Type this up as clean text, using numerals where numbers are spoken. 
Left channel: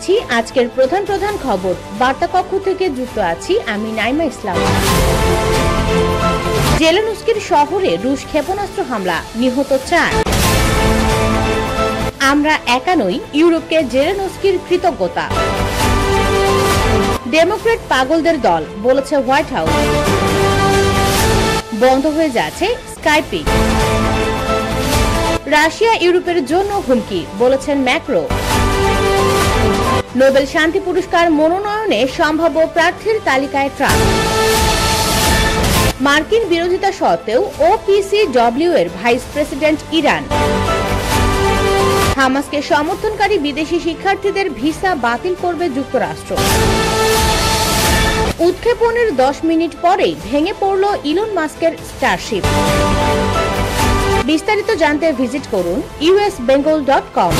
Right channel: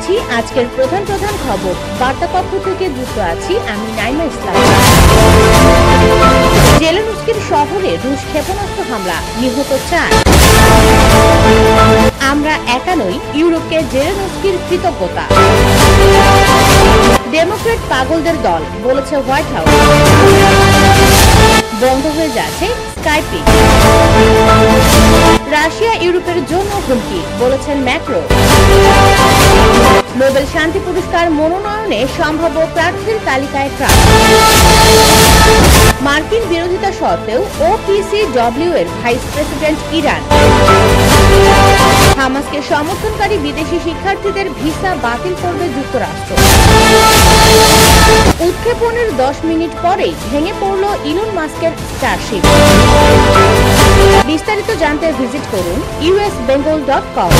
জানাচ্ছি আজকের প্রধান প্রধান খবর। বার্তা কক্ষ থেকে যুক্ত আছি আমি নাইমা ইসলাম। জেলেনস্কির শহরে রুশ ক্ষেপণাস্ত্র হামলা, নিহত 4। আমরা একা নই, ইউরোপকে জেলেনস্কির কৃতজ্ঞতা। ডেমোক্রেট পাগলদের দল, বলেছে হোয়াইট হাউস। বন্ধ হয়ে যাচ্ছে স্কাইপিং। রাশিয়া ইউরোপের জন্য হুমকি, বলেছেন ম্যাক্রো। নোবেল শান্তি পুরস্কার মনোনয়নে সম্ভাব্য প্রার্থীর তালিকায় ট্রাম্প। মার্কিন বিরোধিতা সত্ত্বেও OPCW এর ভাইস প্রেসিডেন্ট ইরান। হামাসকে সমর্থনকারী বিদেশি শিক্ষার্থীদের ভিসা বাতিল করবে যুক্তরাষ্ট্র। উৎক্ষেপণের 10 মিনিট পরেই ভেঙে পড়ল ইলন মাস্কের স্টারশিপ। বিস্তারিত জানতে ভিজিট করুন usbengal.com।